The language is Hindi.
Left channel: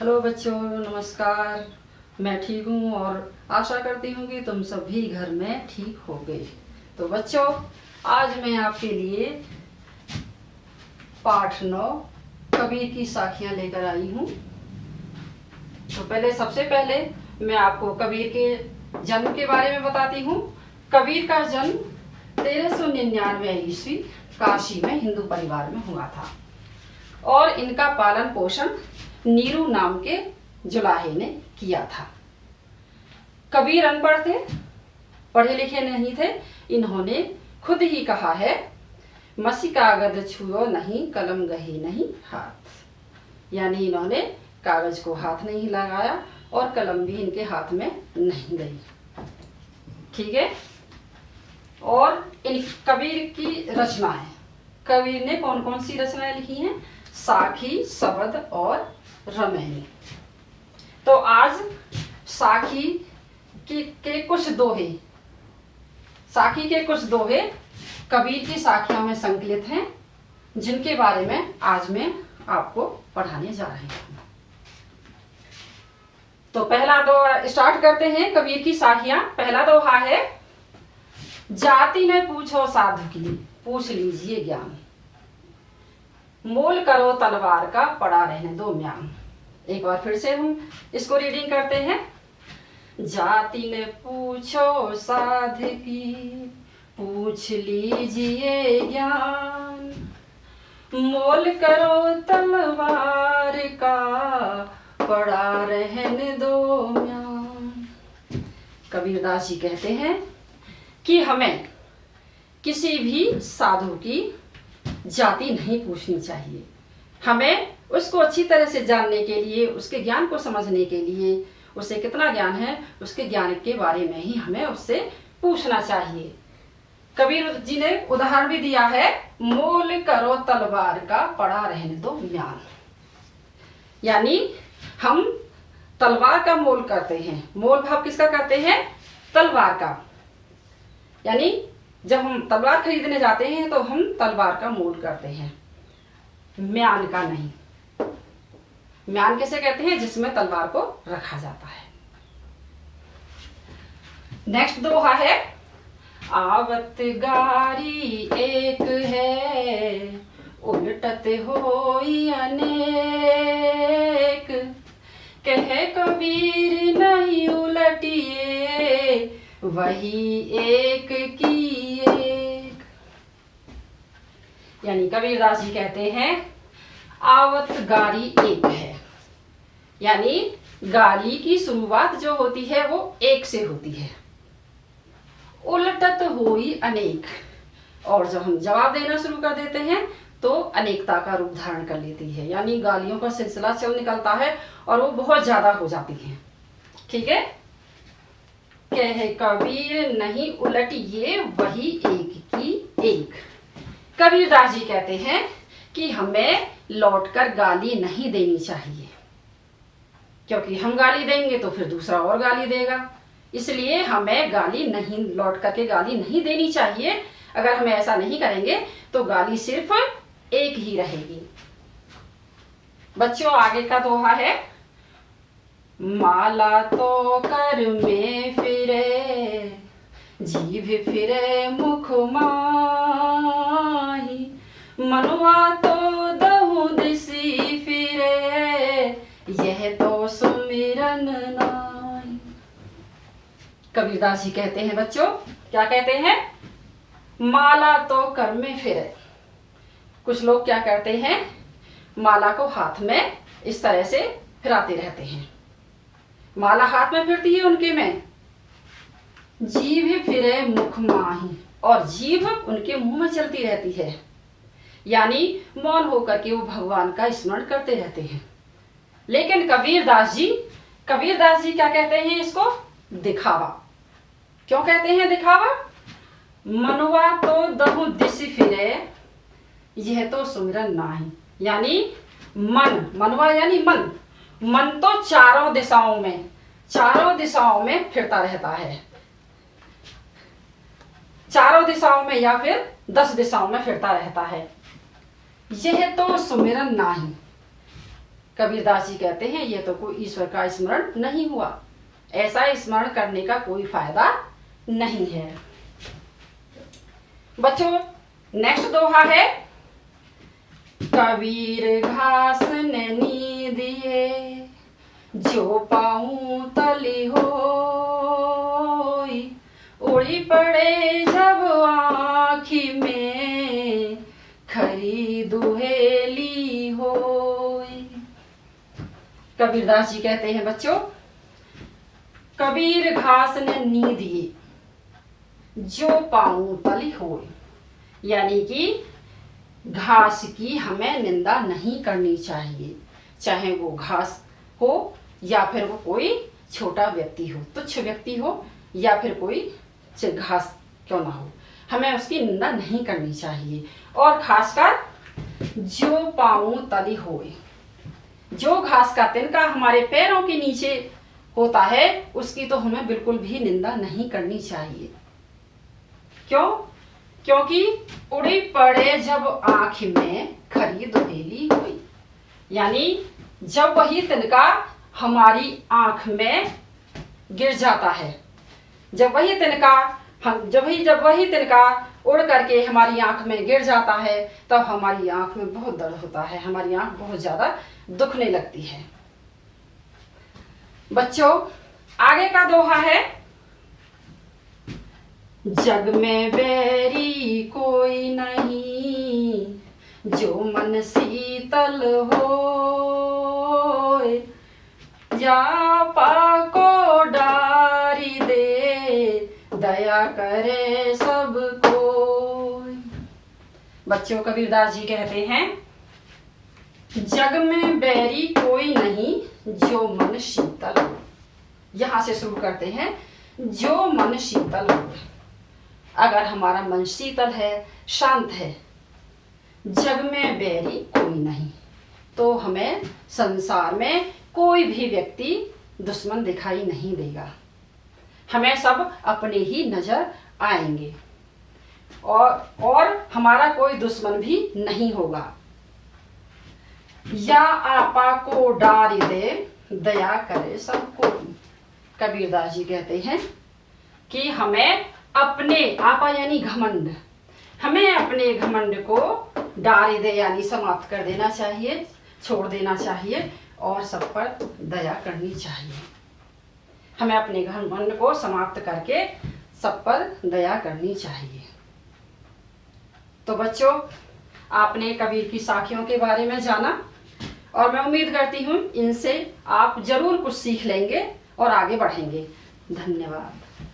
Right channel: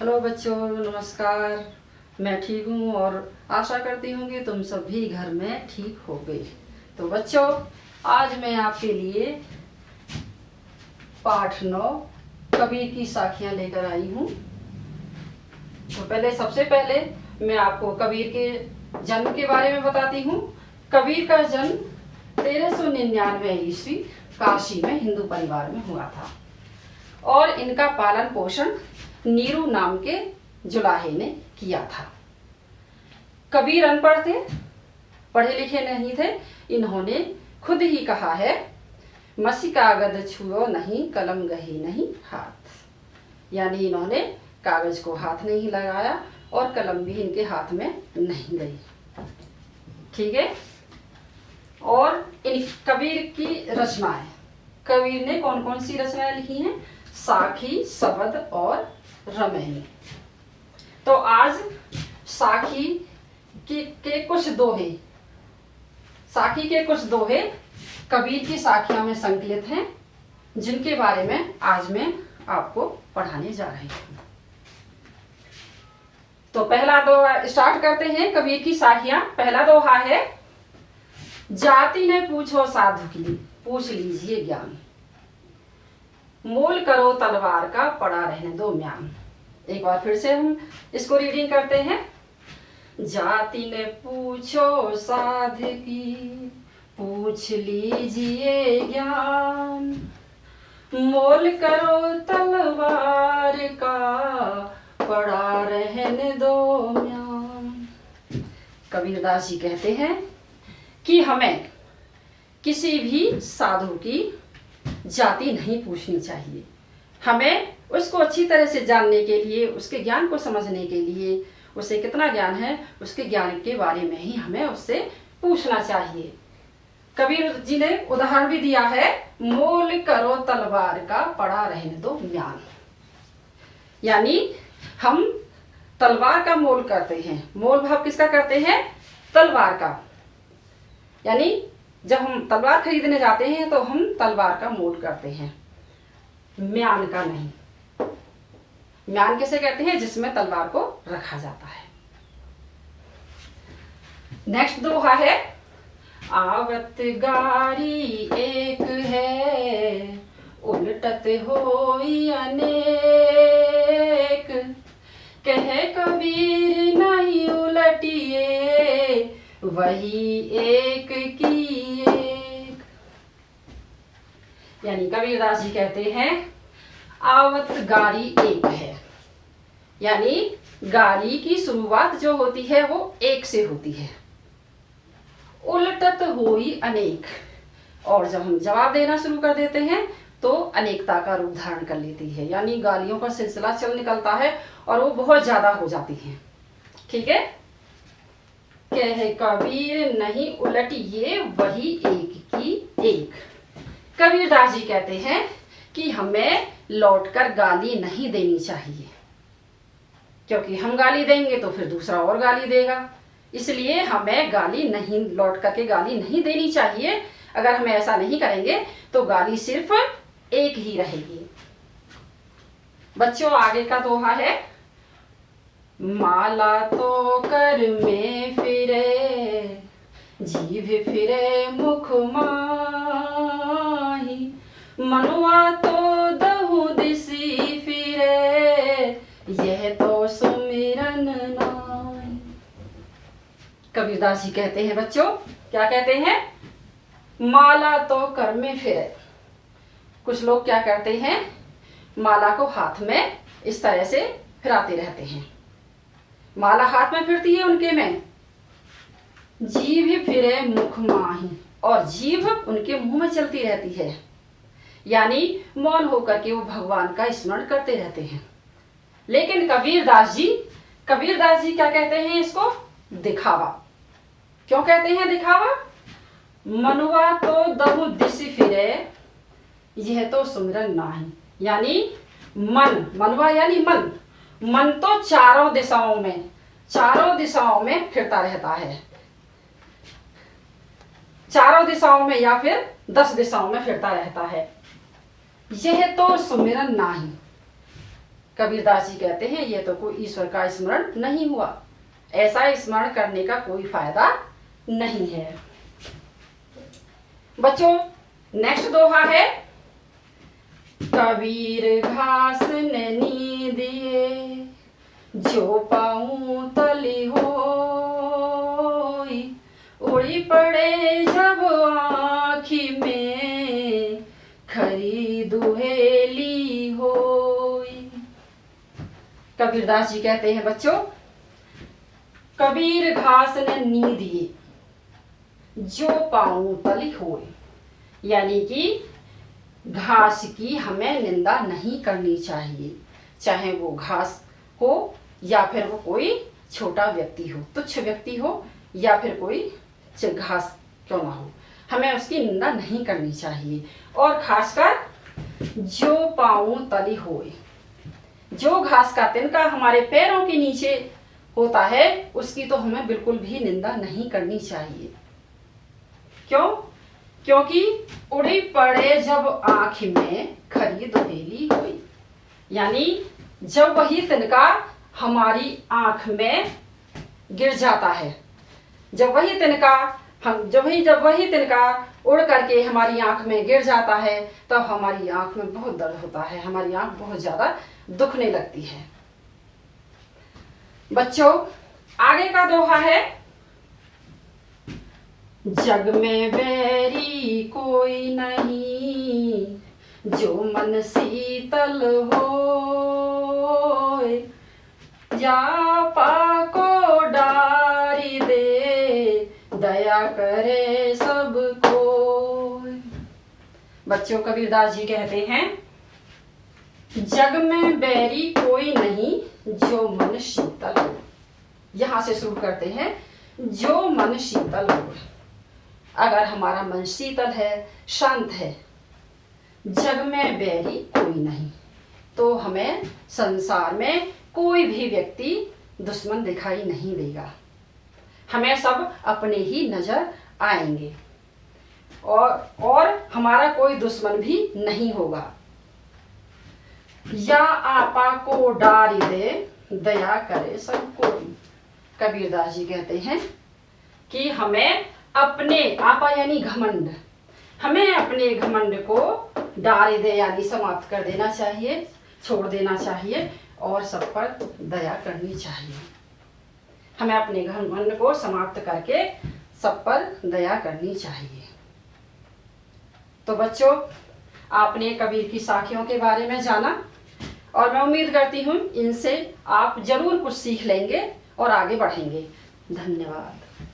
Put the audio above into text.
हेलो बच्चों, नमस्कार। मैं ठीक हूँ और आशा करती हूँ कि तुम सभी घर में ठीक हो गई। तो बच्चों, आज मैं आपके लिए पाठ 9 कबीर की साखियाँ लेकर आई हूँ। तो सबसे पहले मैं आपको कबीर के जन्म के बारे में बताती हूँ। कबीर का जन्म 1399 ईस्वी काशी में हिंदू परिवार में हुआ था और इनका पालन पोषण नीरू नाम के जुलाहे ने किया था। कबीर अनपढ़ थे, पढ़े लिखे नहीं थे। इन्होंने खुद ही कहा है, मसी कागज छुओ नहीं, कलम गही नहीं हाथ। यानी इन्होंने कागज को हाथ नहीं लगाया और कलम भी इनके हाथ में नहीं गई। ठीक है। और इन कबीर की रचनाएं, कबीर ने कौन कौन सी रचनाएं लिखी हैं? साखी, शबद और रमैनी। तो आज साखी के कुछ दोहे, साखी के कुछ दोहे कबीर की साखियों में संकलित हैं, जिनके बारे में आज मैं आपको पढ़ाने जा रही हूँ। तो पहला दोहा स्टार्ट करते हैं कबीर की साखियां। पहला दोहा है, जाति ने पूछो साधु की, पूछ लीजिए ज्ञान। मोल करो तलवार का, पड़ा रहने दो म्यान। एक बार फिर से हम इसको रीडिंग करते हैं। जाति ने पूछो साध की, पूछ लीजिए ज्ञान। मोल करो तलवार का, पड़ा रहने दो म्यान। कबीरदास जी कहते हैं कि हमें किसी भी साधु की जाति नहीं पूछनी चाहिए। हमें उसको अच्छी तरह से जानने के लिए, उसके ज्ञान को समझने के लिए, उसे कितना ज्ञान है, उसके ज्ञान के बारे में ही हमें उससे पूछना चाहिए। कबीर जी ने उदाहरण भी दिया है, मोल करो तलवार का, पड़ा रहने दो म्यान। यानी हम तलवार का मोल करते हैं। मोल भाव किसका करते हैं? तलवार का। यानी जब हम तलवार खरीदने जाते हैं तो हम तलवार का मोल करते हैं, म्यान का नहीं। म्यान किसे कहते हैं? जिसमें तलवार को रखा जाता है। नेक्स्ट दोहा है, आवत गारी एक है, उलटत होई अनेक। कहे कबीर नहीं उलटिए, वही एक की एक। यानी कबीरदास जी कहते हैं, आवत गारी एक है। यानी गारी की शुरुआत जो होती है वो एक से होती है। उलटत होई अनेक, और जब हम जवाब देना शुरू कर देते हैं तो अनेकता का रूप धारण कर लेती है। यानी गालियों का सिलसिला चल निकलता है और वो बहुत ज्यादा हो जाती है। ठीक है। कहे कबीर नहीं उलटिए, वही एक की एक। कबीरदास जी कहते हैं कि हमें लौटकर गाली नहीं देनी चाहिए, क्योंकि हम गाली देंगे तो फिर दूसरा और गाली देगा। इसलिए हमें गाली नहीं, लौट करके गाली नहीं देनी चाहिए। अगर हम ऐसा नहीं करेंगे तो गाली सिर्फ एक ही रहेगी। बच्चों, आगे का दोहा है, माला तो कर में फिरे, जीभ फिरे मुख माही। मनुआ तो दहु दिसी फिरे, यह तो सुमिरन नाई। कबीरदास जी कहते हैं बच्चों, क्या कहते हैं? माला तो कर में फिरे। कुछ लोग क्या करते हैं, माला को हाथ में इस तरह से फिराते रहते हैं। माला हाथ में फिरती है उनके में, जीभ फिरे मुख माही, और जीभ उनके मुंह में चलती रहती है। यानी मौन होकर के वो भगवान का स्मरण करते रहते हैं। लेकिन कबीरदास जी क्या कहते हैं इसको? दिखावा। क्यों कहते हैं दिखावा? मनुआ तो दहु दिस फिरे, यह तो सुमिरन नाही। यानी मन, मनुआ यानी मन, मन तो चारों दिशाओं में फिरता रहता है। चारों दिशाओं में या फिर 10 दिशाओं में फिरता रहता है। यह तो सुमिरन नाही। कबीरदास जी कहते हैं ये तो कोई ईश्वर का स्मरण नहीं हुआ, ऐसा स्मरण करने का कोई फायदा नहीं है। बच्चों नेक्स्ट दोहा है, कबीर घास ने नी दिए जो पाऊं तली होई, उड़ी पड़े जब आँखी में खरी दुहेली होई। कबीरदास जी कहते हैं बच्चों, कबीर घास ने नी दिए जो पाऊं तली होई, यानी कि घास की हमें निंदा नहीं करनी चाहिए, चाहे वो घास हो या फिर वो कोई छोटा व्यक्ति हो, तुच्छ व्यक्ति हो या फिर कोई घास क्यों ना हो, हमें उसकी निंदा नहीं करनी चाहिए। और खासकर जो पाऊं तली होए, जो घास का तिनका हमारे पैरों के नीचे होता है उसकी तो हमें बिल्कुल भी निंदा नहीं करनी चाहिए। क्यों? क्योंकि उड़ी पड़े जब आँख में खरी दुहेली हुई, यानी जब वही तिनका हमारी आँख में गिर जाता है, जब वही तिनका उड़ करके हमारी आँख में गिर जाता है तब हमारी आँख में बहुत दर्द होता है, हमारी आँख बहुत ज्यादा दुखने लगती है। बच्चों आगे का दोहा है, जग में बैरी कोई नहीं जो मन शीतल होए, जा पाको डारी दे दया करे सब कोई। बच्चों कबीरदास जी कहते हैं, जग में बैरी कोई नहीं जो मन शीतल हो। यहां से शुरू करते हैं, जो मन शीतल हो। अगर हमारा मन शीतल है, शांत है, जग में बैरी कोई नहीं, तो हमें संसार में कोई भी व्यक्ति दुश्मन दिखाई नहीं देगा, हमें सब अपने ही नजर आएंगे और हमारा कोई दुश्मन भी नहीं होगा। या आपा को डारी दे दया करे सब कोई। कबीरदास जी कहते हैं कि हमें अपने आपा यानी घमंड, हमें अपने घमंड को डारी दे यानी समाप्त कर देना चाहिए, छोड़ देना चाहिए और सब पर दया करनी चाहिए। हमें अपने घमंड को समाप्त करके सब पर दया करनी चाहिए। तो बच्चों आपने कबीर की साखियों के बारे में जाना और मैं उम्मीद करती हूँ इनसे आप जरूर कुछ सीख लेंगे और आगे बढ़ेंगे। धन्यवाद।